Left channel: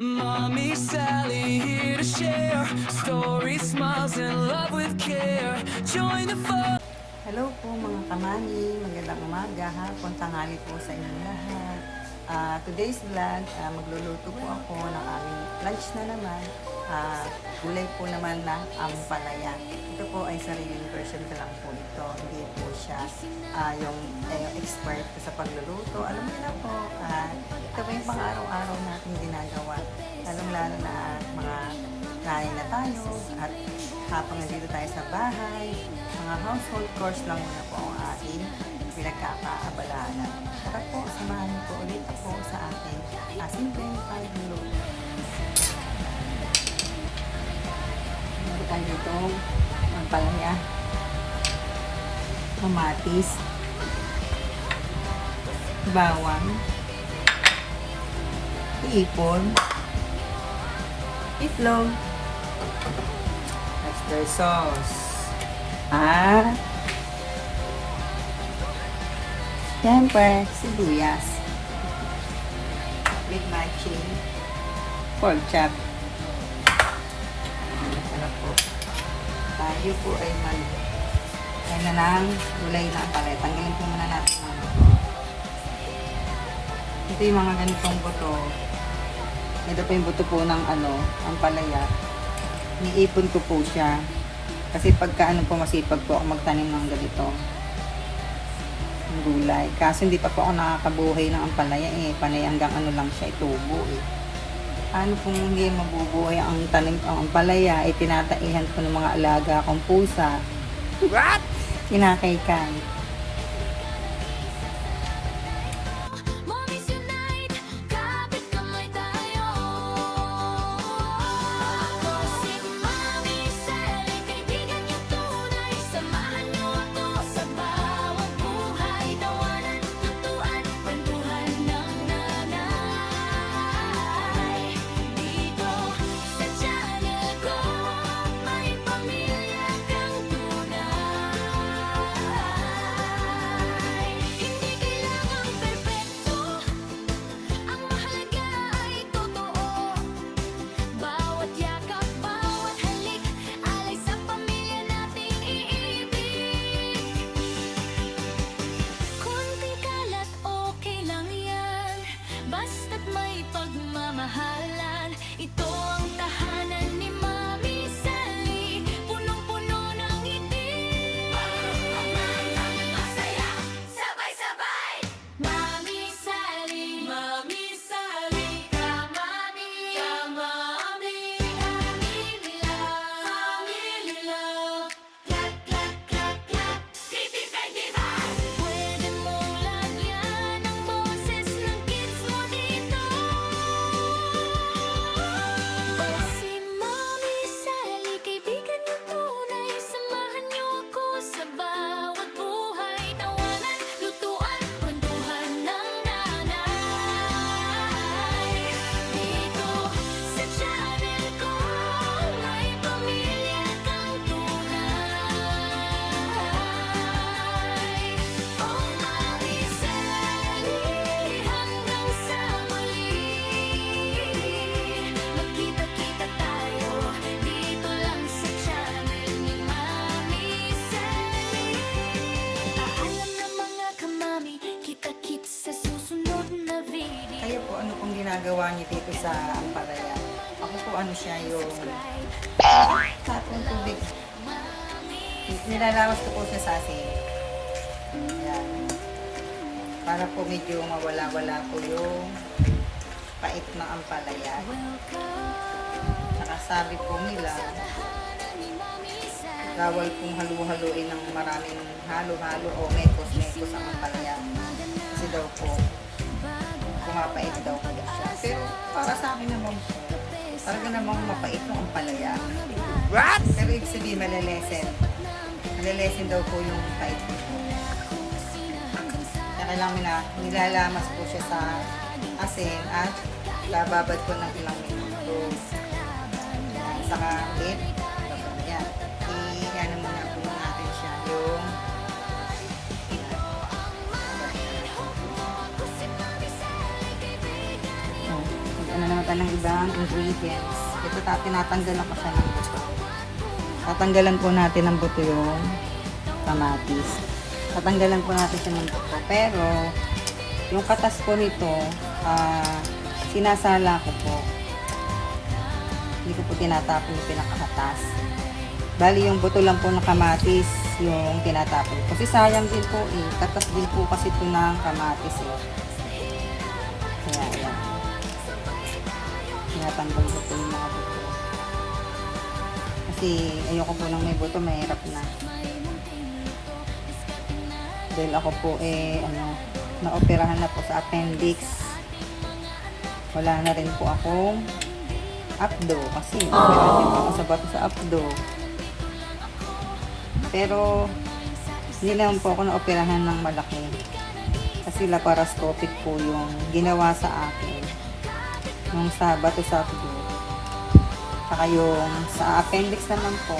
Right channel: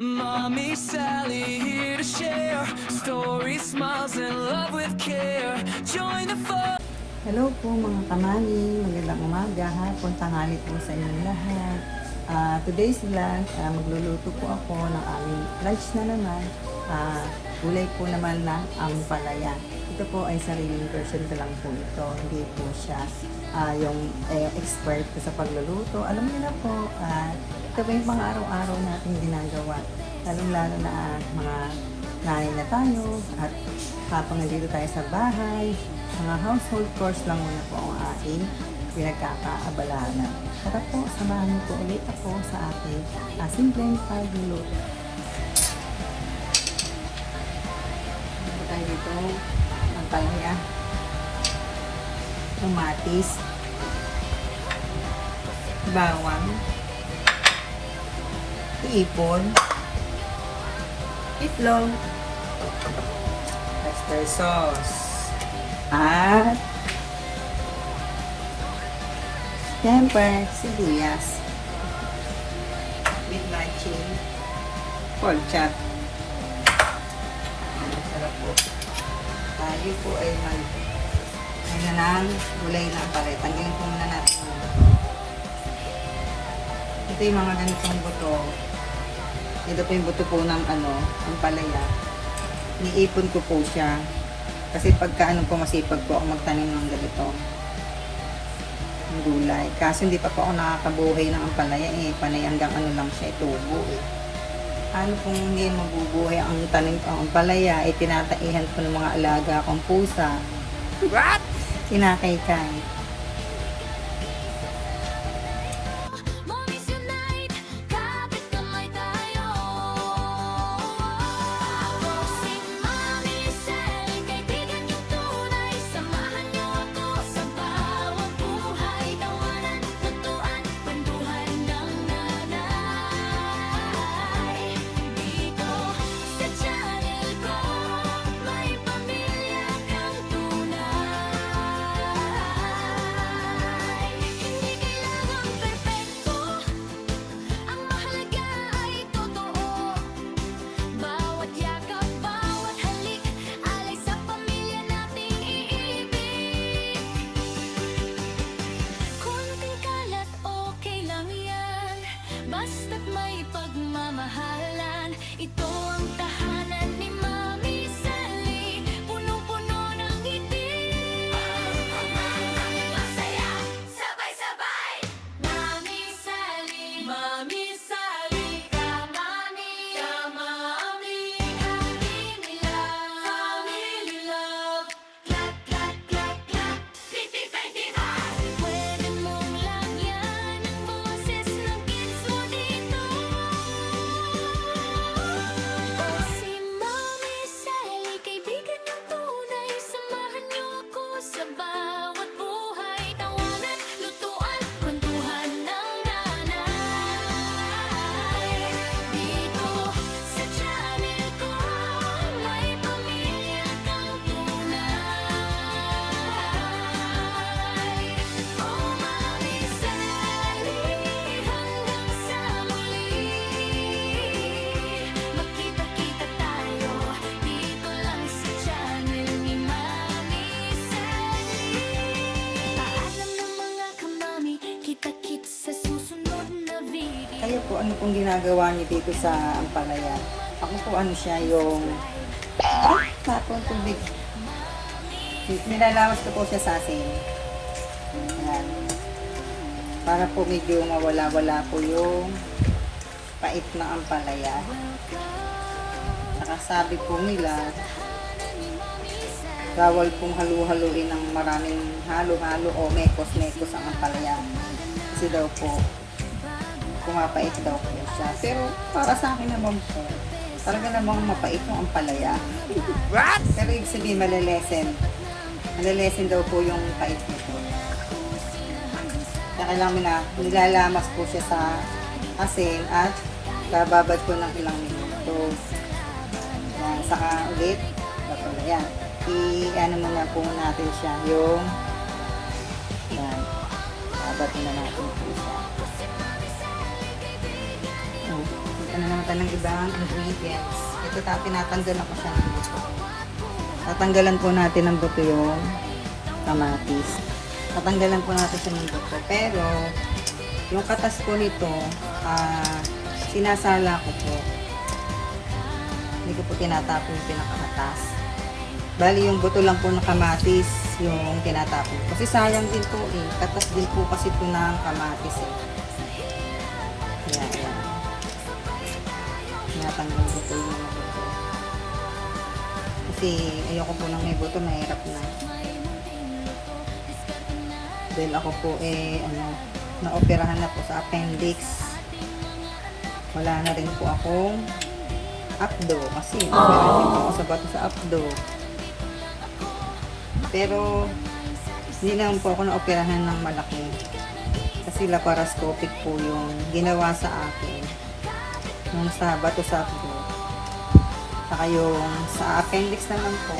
Mommy Sally here to share stories, smiles, and love with care. Join the fun. Hello po mga kamami, magandang umaga, hapon, tanghali po sa inyong lahat. Today's vlog, magluluto po ako ng aming lunch na naman. Gulay po naman ng ampalaya. Ito po ay sariling version ko lang po ito. Hindi po siya yung expert ko sa pagluluto. Alam niyo na po, ito po yung pang-araw-araw nating ginagawa. Lalong-lalo na mga nanay na tayo at habang nandito tayo sa bahay, mga household chores lang muna po ang aking pinagkakaabalahanan. Tara po, samahan niyo po ulit ako sa aking simpleng pagluluto. Ito tayo dito, ang palaya, kamatis, bawang, ipon, itlog, oyster sauce, at siyempre sibuyas with matching pork chop. Sarap po. Tayo po ay ganyan lang gulay na taray. Tanggalin po muna natin ang buto. Ito yung mga ganitong buto. Ito po yung buto po ng ang palaya. Niipon ko po siya. Kasi pagka po masipag po ako magtanim ng ganito. Ang gulay. Kasi hindi pa po ako nakakabuhay ng ampalaya Panay hanggang lang siya, itubo Ano pong hindi mabubuhay ang tanim ang ampalaya tinataihan ko ng mga alaga akong pusa. What? Kinakaykay. Basta't may pagmamahalan, ito ang tahanan ni Mami Sally, punong-puno ng ngiti. Masaya, sabay-sabay. Mami Sally, ka-mami, family love, clap, clap, clap, clap, pipi-pentival. Pwede mong lagyan ang boses ng kids mo dito. O si Mami Sally, kaibigan yung tunay, samahan niyo ako sa bawat buhay, tawanan, lutuan, kwentuhan ng nanay. Dito sa channel ko, may pamilya kang tunay. Oh Mami Sally, hanggang sa muli, magkita-kita tayo dito lang sa channel ni Mami Sally. Paalam na mga kamami, kita-kits sa susunod na video. Kaya po ano pong ginagawa niyo dito sa ampalaya? Ako po siya yung tapon tubig. Nilalawas ko po siya sa asin. Ayan. Para po medyo mawala-wala po yung pait ng ampalaya. Saka sabi po nila, bawal pong halu-haluin ng maraming halo-halo o mekos-mekos ang ampalaya. Kasi daw po, pumapait daw po siya. Pero para sa akin naman po, talaga namang mapait yung ampalaya. What? Pero ibig sabihin, malilesen. Malilesen daw po yung pait nito. Kaya kailangan na nilalamas po siya sa asin at bababad ko ng ilang minuto. Saka ulit, yan. I-ano muna po natin siya yung babad na natin po siya. na naman tayo ng ibang ingredients. Ito tinatanggalan ko siya ng buto. Tatanggalan po natin ng buto yung kamatis. Tatanggalan po natin siya ng buto. Pero, yung katas po nito, sinasala ko po. Hindi ko po tinatapon yung pinakakatas. Bali, yung buto lang po ng kamatis yung tinatapon. Kasi sayang din po eh. Katas din po kasi ito ng kamatis eh. Kaya, ayan. Tinatanggal ko po yung mga buto. Kasi ayoko po nang may buto, mahirap na. Dahil ako po naoperahan na po sa appendix. Wala na rin po akong abdo kasi operahan po ako sa bato sa abdo. Pero hindi naman po ako naoperahan ng malaki. Kasi laparoscopic po yung ginawa sa akin. Yung sa bato sa abdo. Saka yung sa appendix naman po,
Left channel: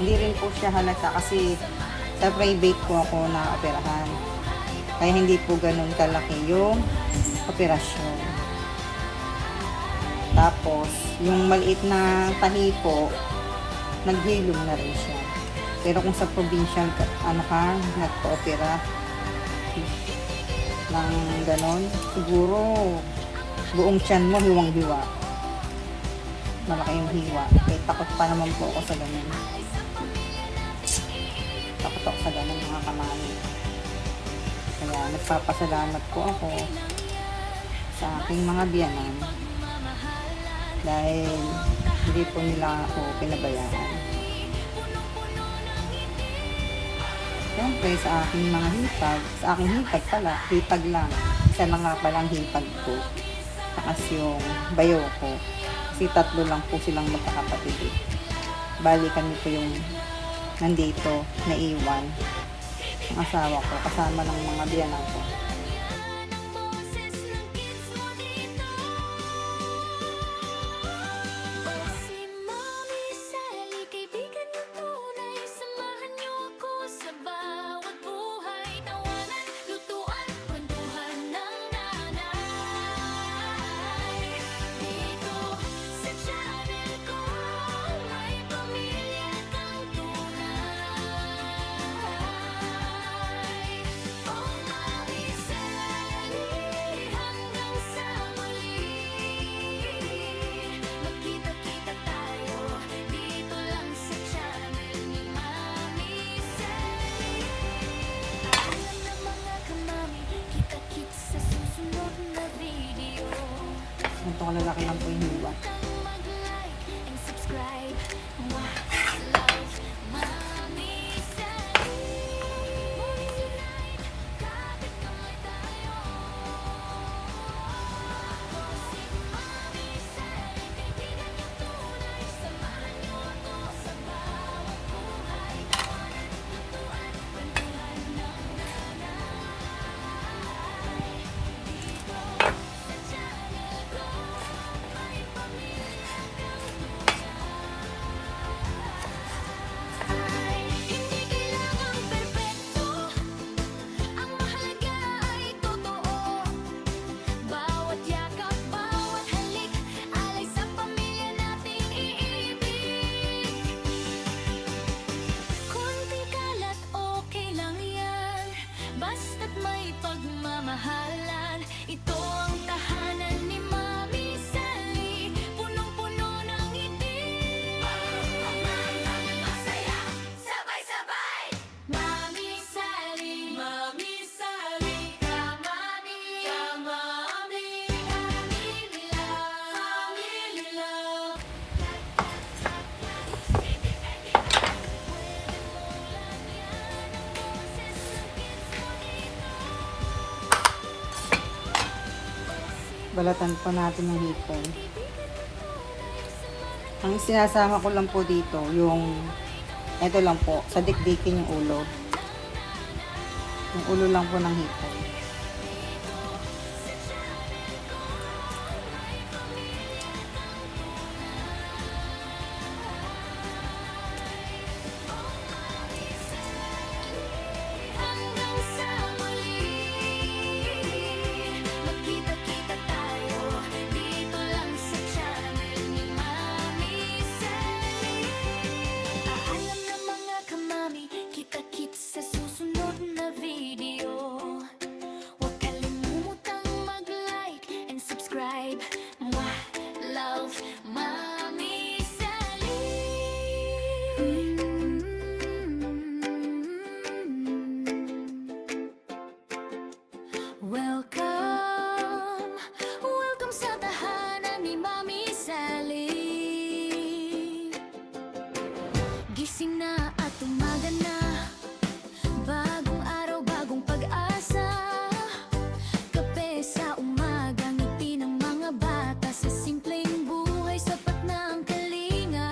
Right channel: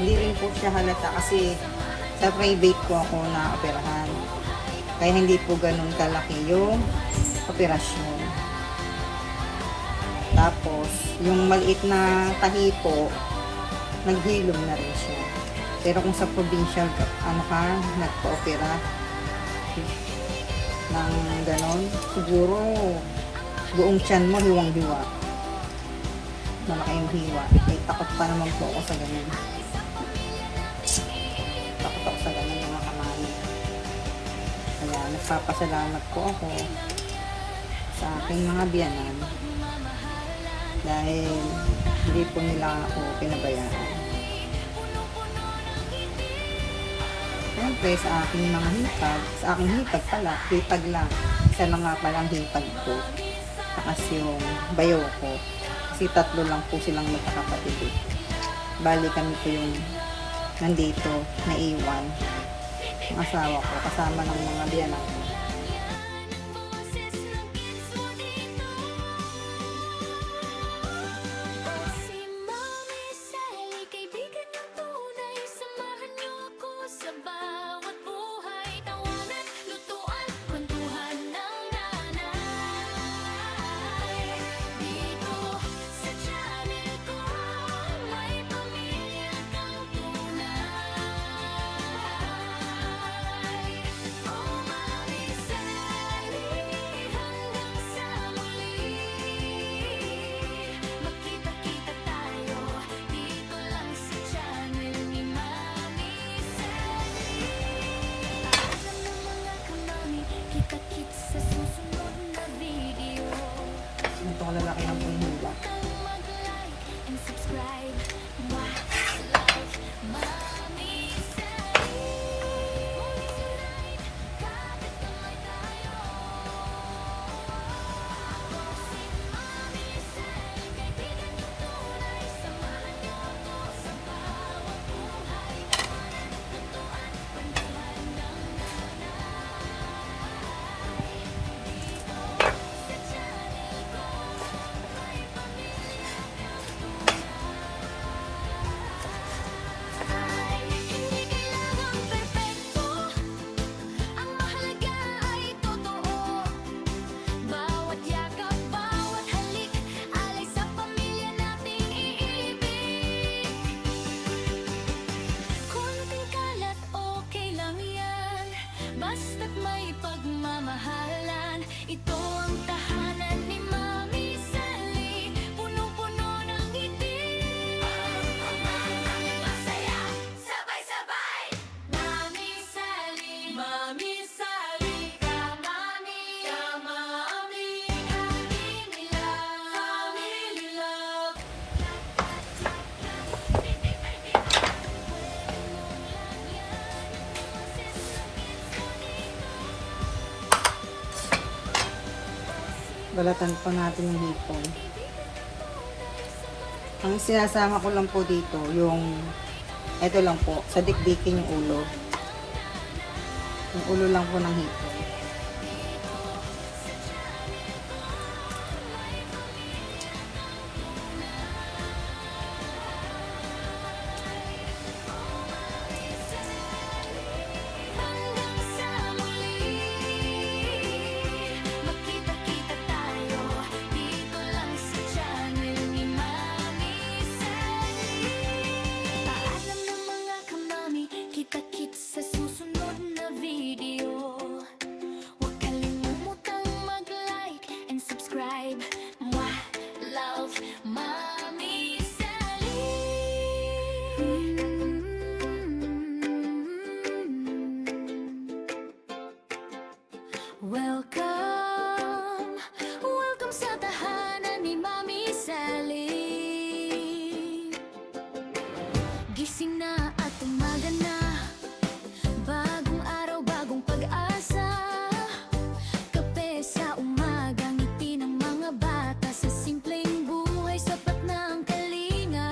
hindi rin po siya halata kasi sa private po ako na-operahan. Kaya hindi po ganun kalaki yung operasyon. Tapos, yung maliit na tahi po, naghilom na rin siya. Pero kung sa provincial, nagpa-opera ng ganon, siguro buong tiyan mo hiwang-hiwa. Malaki yung hiwa. Eh, takot pa naman po ako sa ganyan. Takot ako sa ganyan mga kamali. Kaya nagpapasalamat po ako sa aking mga biyanan dahil hindi po nila ako pinabayaan. Siyempre sa aking mga hitag, sa aking hitag pala, hitag lang. Isa lang nga palang hitag ko. Takas yung bayo ko. Kasi 3 lang po silang magkakapatid eh. Bali kami po yung nandito, naiwan. Ang asawa ko, kasama ng mga biyanan ko. Kita-kits sa susunod na video. Ito ko lalaki lang po yung hiwa. Mag-like and subscribe. Wow, love, Mami Sally. Movies Unite, kapit kamay tayo. Ako si Mami Sally, kaibigan niyong tunay. Samahan niyo ako sa bawat buhay. Tawanan, lutuan, kwentuhan ng nanay. Dito sa channel ko, may pamilya kang tunay. Hindi kailangang perpekto, ang mahalaga ay totoo. Bawat yakap, bawat halik, alay sa pamilya nating iibig. Konting kalat, okay lang yan. Basta't may pagmamahalan. Ito ang tahanan ni Mami Sally, punong-puno ng ngiti. Masaya, sabay-sabay. Mami Sally, ka-mami, family love. Pwede mong lagyan ang boses ng kids mo dito. Balatan pa natin yung hipon. Ang sinasama ko lang po dito, yung, ito lang po, sa dikdikin yung ulo. Yung ulo lang po ng hipon. Hanggang sa muli, magkita-kita tayo dito subscribe. Mwah, love, Mommy Sally. Welcome, welcome sa tahanan ni Mommy Sally. Gising na at umaga na, bagong araw, bagong pag-asa. Kape sa umaga, ngiti ng mga bata. Sa simpleng buhay, sapat na ang kalinga.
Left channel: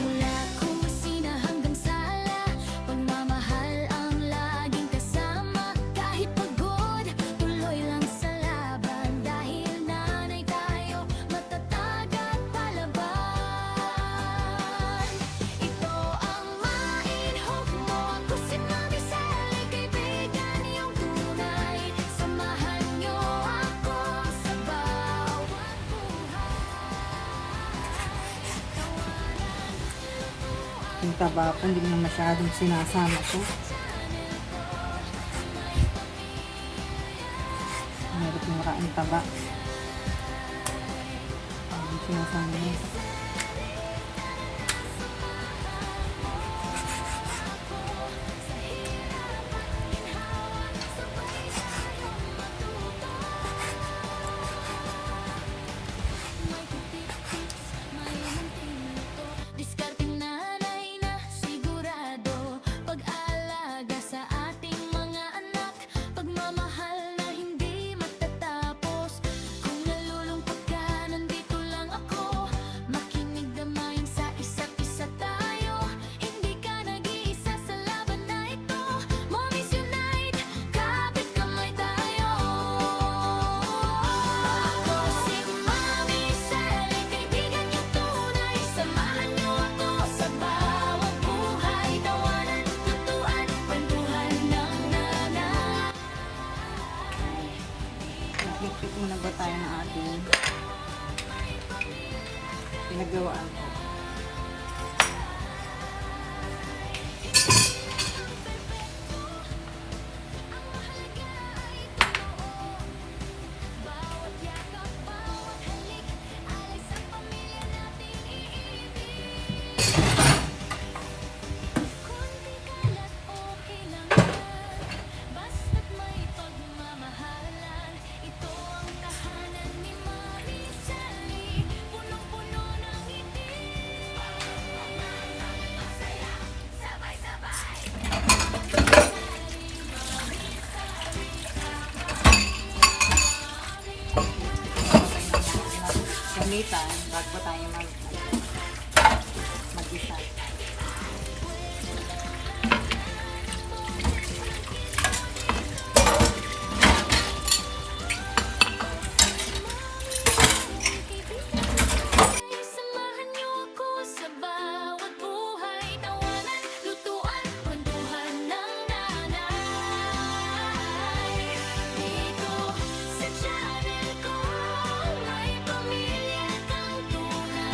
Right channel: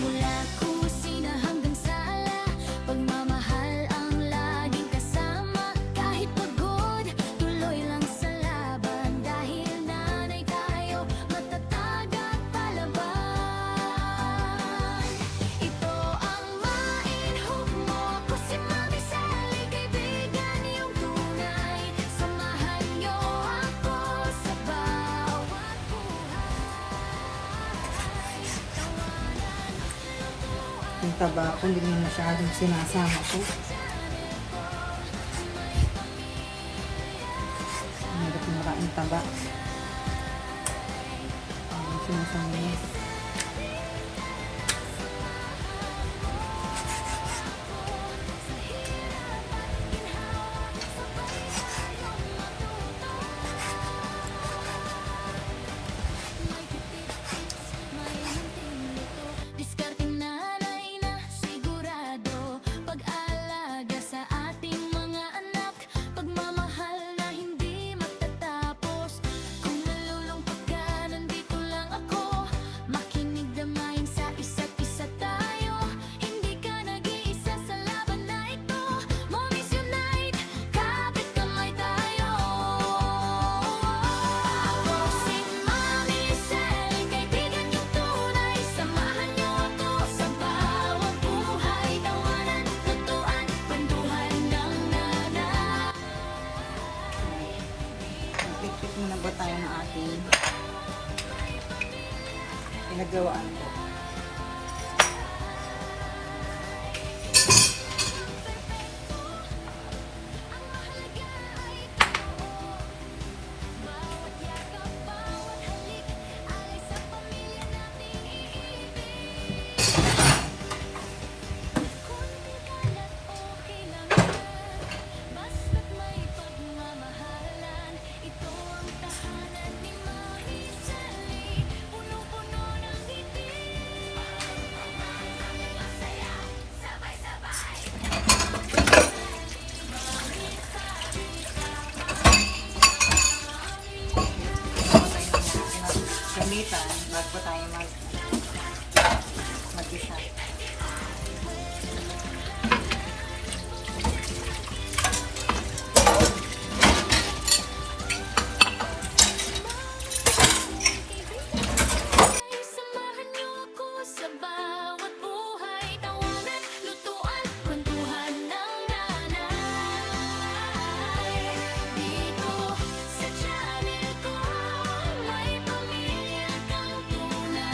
Mula kusina hanggang sala, pagmamahal ang laging kasama. Kahit pagod, tuloy lang sa laban. Dahil nanay tayo, matatag at palaban. Ito ang main hope mo. Ako si Mommy Sally, kaibigan yung tunay. Samahan niyo ako sa bawat buhay. Tawanan, lutuan Yung taba ko, hindi naman masyadong sinasama ko. channel ko. May pamilya Mahirap yung makain taba. Sinasama niya. sa hirap at ginhawa. Sabay tayong matuto. May tip-tips, may munting luto. Diskarting nanay na sigurado. Pag-alaga sa ating mga anak. Pagmamahal na hindi matatapos. Kung nalulungkot ka, nandito lang ako. Makinig damayin sa isa't isa tayo. Hindi ka nag-iisa sa laban na ito. Mommies unite, kapit kamay tayo. Ako si Mommy Sally, kaibigan yung tunay. Samahan niyo ako sa bawat buhay. Tawanan, lutuan, kwentuhan ng nanay. Nag-click muna ba tayo ng ating pinagawaan ko? Ang mahalaga ay totoo. Bawat yakap, bawat halik, alay sa pamilya nating iibig. Konting kalat, okay lang yan. Basta't may pagmamahalan. Ito ang tahanan ni Mommy Sally. Punong-puno ng ngiti. Masaya, sabay-sabay. Gamitan, bago tayo mag-isa. Samahan niyo ako sa bawat buhay. Tawanan, lutuan, kwentuhan ng nanay. Dito sa channel ko, may pamilya kang tunay.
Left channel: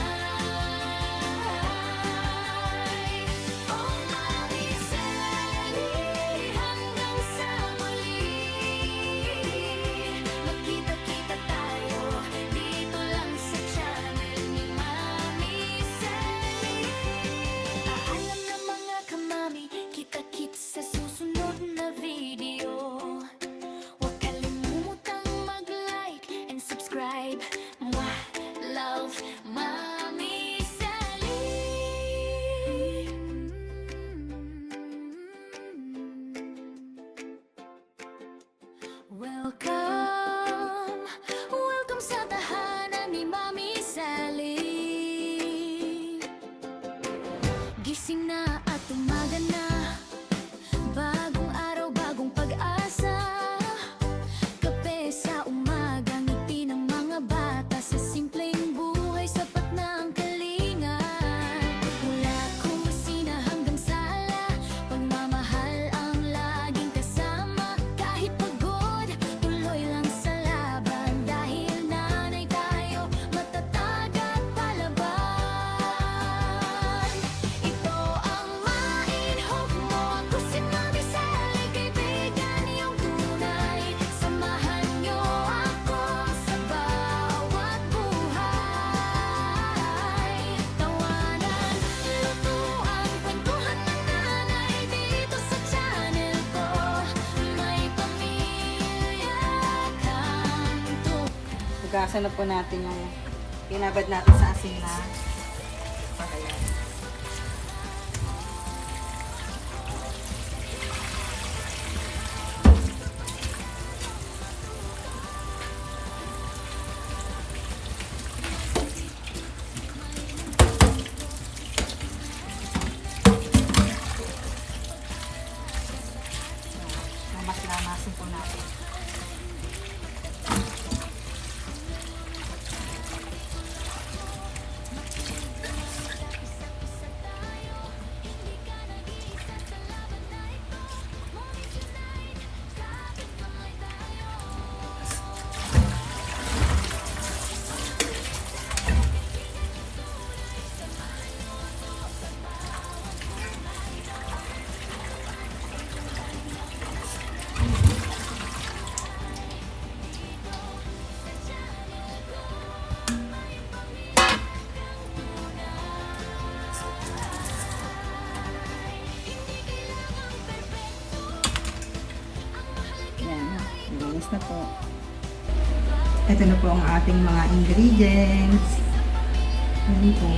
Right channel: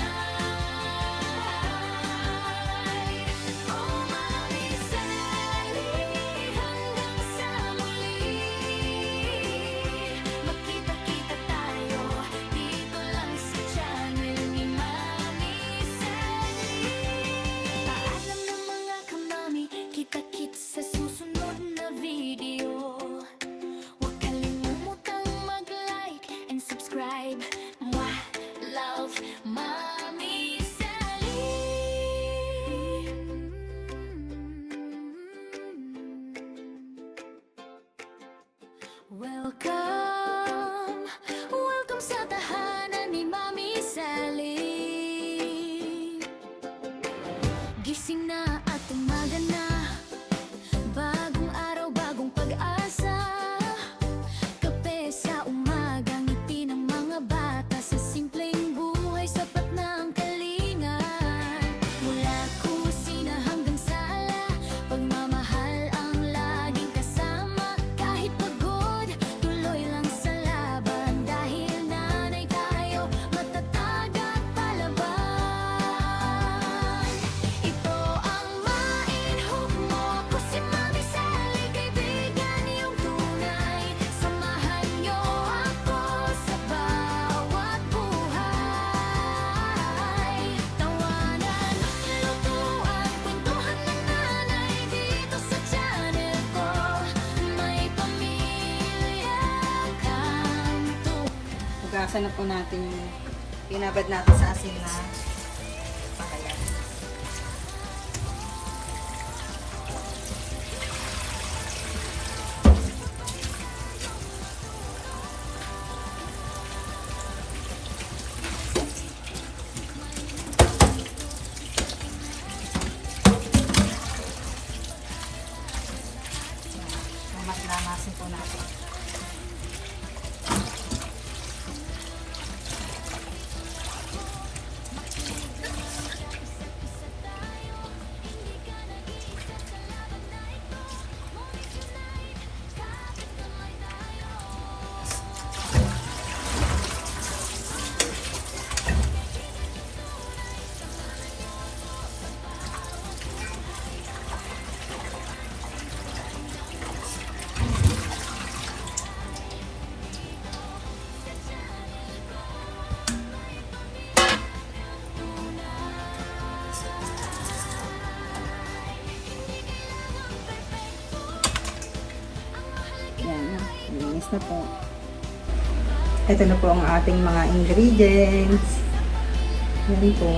Oh, Mommy Sally, hanggang sa muli. Magkita-kita tayo dito lang sa channel ni Mommy Sally. Paalam na mga kamami, kita-kits sa susunod na video. Huwag kalimutang mag-like and subscribe. Mwah, love, Mommy Sally. Welcome, welcome sa tahanan ni Mommy Sally. Gising na at umaga na, bagong araw, bagong pag-asa. Kape sa umaga, ngiti ng mga bata. Sa simpleng buhay, sapat na ang kalinga. Mula kusina hanggang sala, pagmamahal ang laging kasama. Kahit pagod, tuloy lang sa laban. Dahil nanay tayo, matatag at palaban. Ito ang Gasa na po natin yung inabad natin sa asin na palaya. Mas lamasin po natin. Yan, linis na po. Ito na po ang ating mga ingredients. Yan po.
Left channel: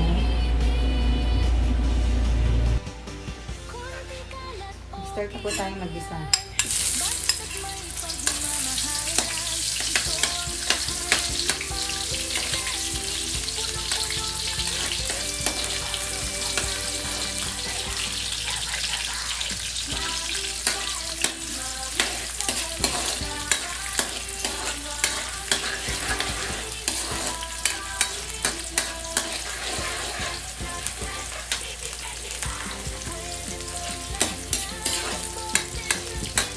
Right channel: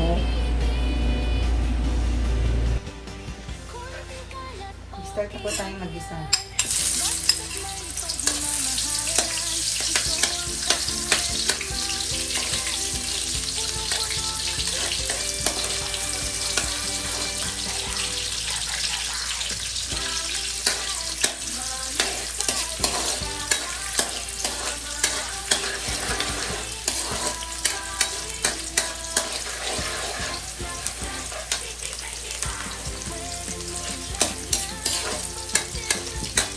Start na po tayo mag-isa. Basta't may pagmamahalan, ito ang tahanan ni Mami Sally. Punong-puno ng ngiti. Pwede mong lagyan ng boses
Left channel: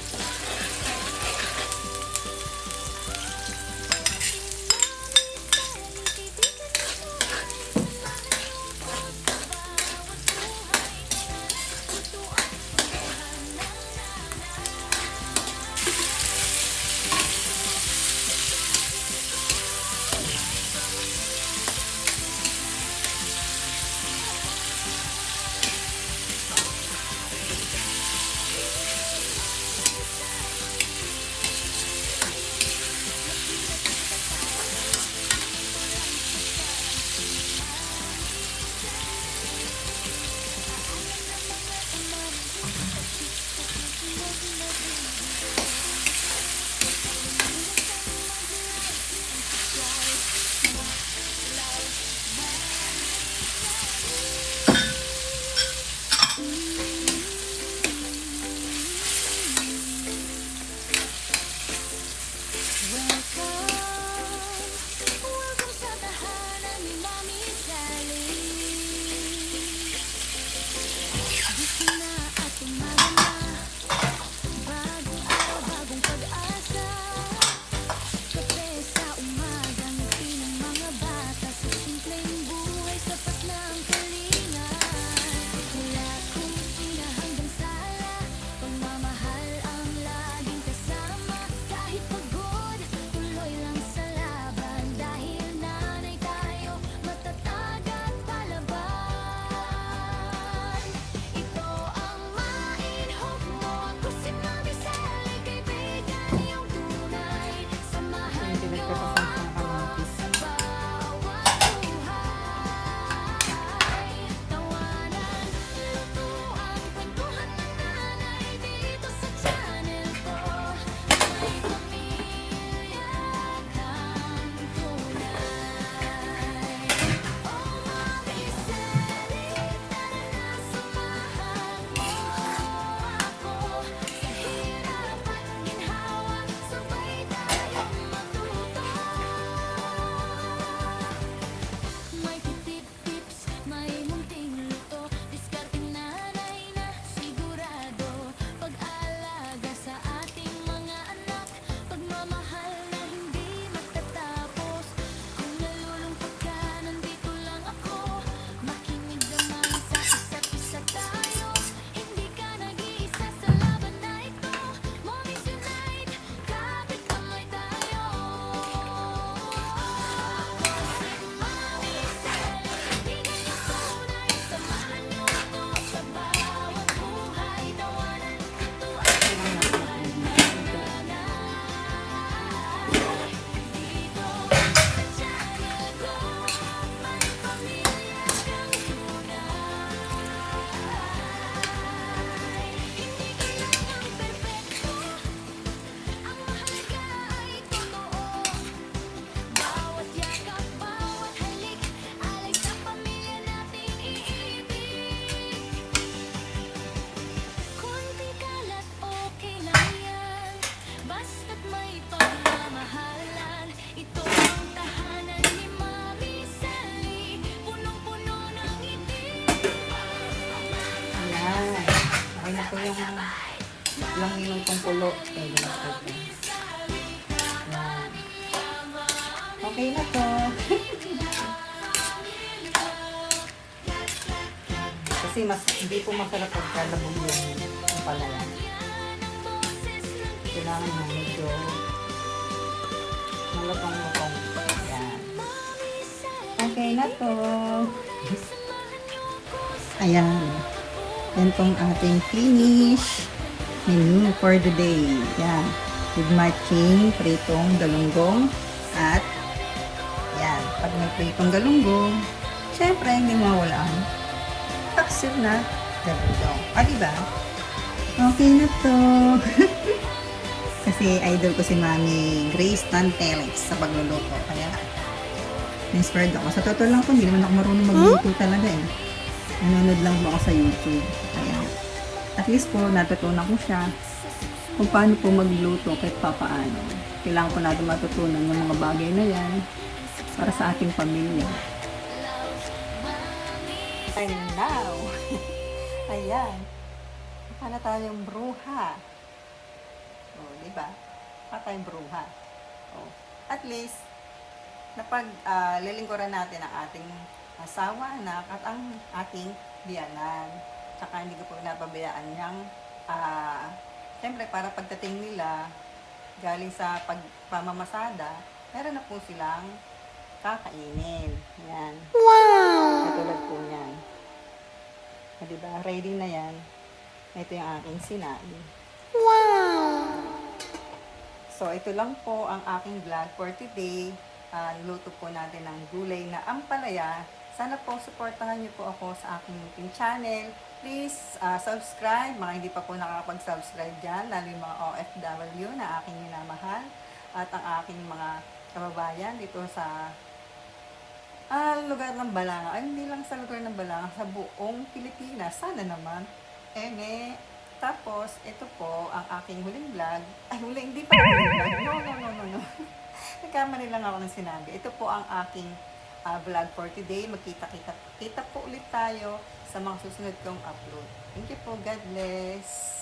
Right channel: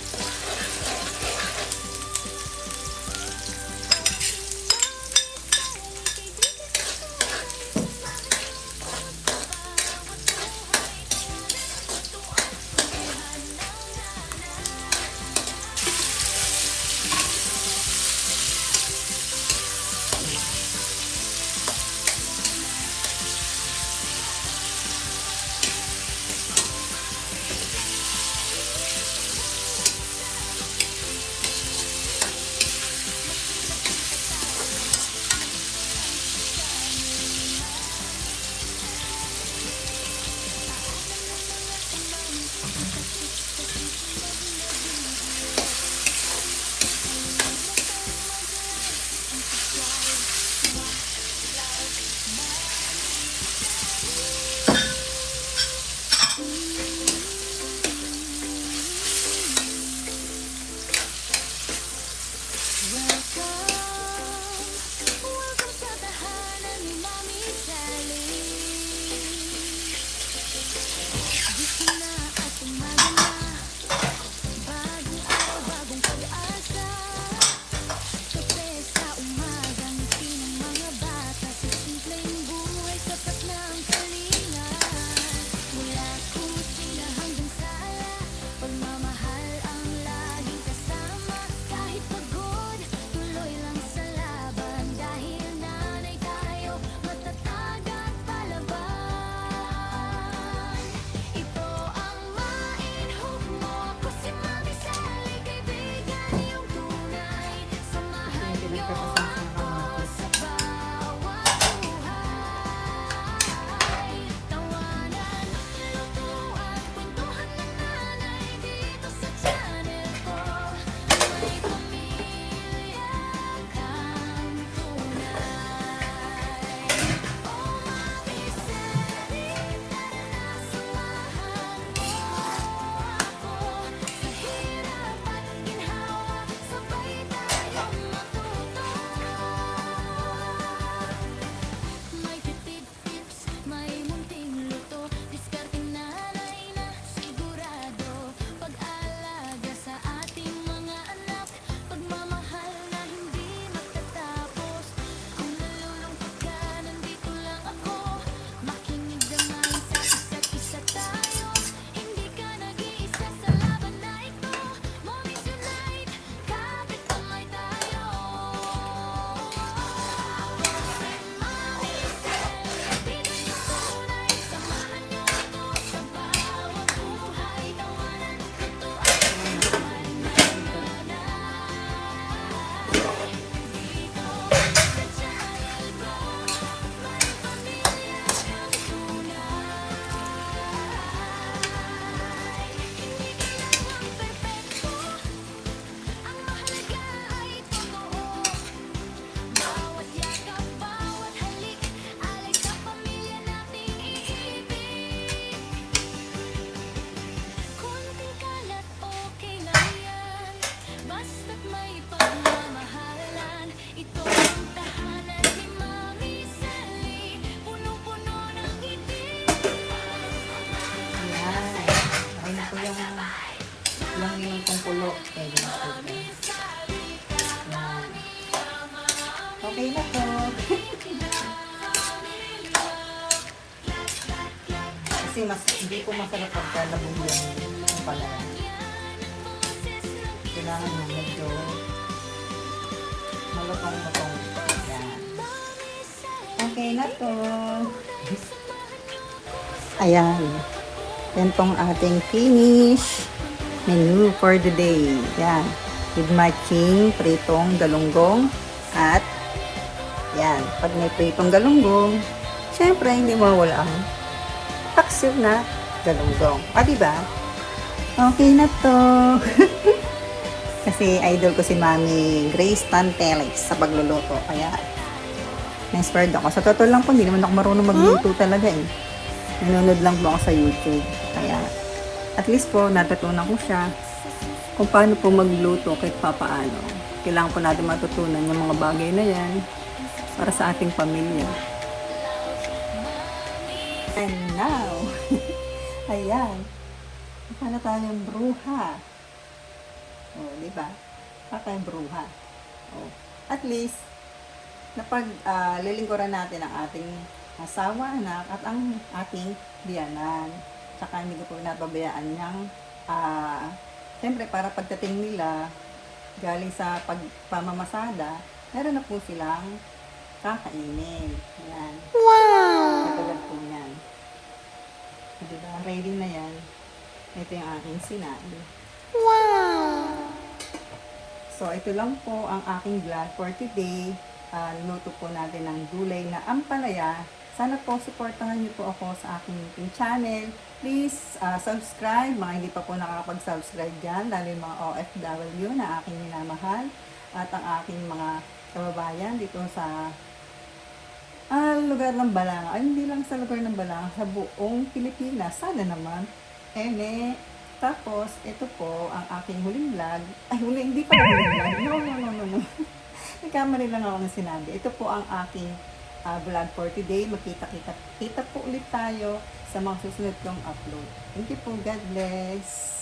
Ganito yung minutong kulo. Pwede na pwede. Yan. Okay na po. Kasi hindi po masarap pagkalabog yung palaya. Kailangan medyo malutong-lutong. Yan. Okay na po. Ayan. Yan pong ating finish menu for the day. Yan. With matching pritong galunggong at yan. Pag may pritong galunggong, siyempre hindi mawala ang taksib na galunggong. Ah, diba? Okay na to. Kasi idol ko si Mami Grace Tantelix sa pagluluto. Kaya, inspired ako. Sa totoo lang po, hindi naman ako marunong magluto talaga eh. Nanonood lang po ako sa YouTube. Kaya, at least po, natutunan ko siya kung paano po magluto kahit papaano. Kailangan po natin matutunan yung mga bagay na yan para sa ating pamilya. And now, ayan, paano tayong bruha? O, di ba? Paano tayong bruha? O, at least, lilingkuran natin ang ating asawa, anak, at ang ating biyanan. Tsaka hindi ko po napabayaan niyang, siyempre para pagdating nila, galing sa pagpamamasada, meron na po silang kakainin. Ayan. Wow! Katulad po yan. Diba? Ready na yan. Ito yung aking sinain. Wow! So, ito lang po ang aking vlog for today. Luto po natin ng gulay na ampalaya. Sana po supportahan niyo po ako sa aking YouTube channel. Please subscribe, mga hindi pa po nakakapag-subscribe dyan, lalo yung mga OFW na aking minamahal at ang aking mga kababayan dito sa lugar ng Balanga. Ay, hindi lang sa lugar ng Balanga, sa buong Pilipinas. Sana naman. Tapos, ito po ang aking huling vlog. Ay, hindi pa huling vlog. No. Nagkamali lang ako ng sinabi. Ito po ang aking vlog for today. Magkita-kita po ulit tayo sa mga susunod kong upload. Thank you po. God bless.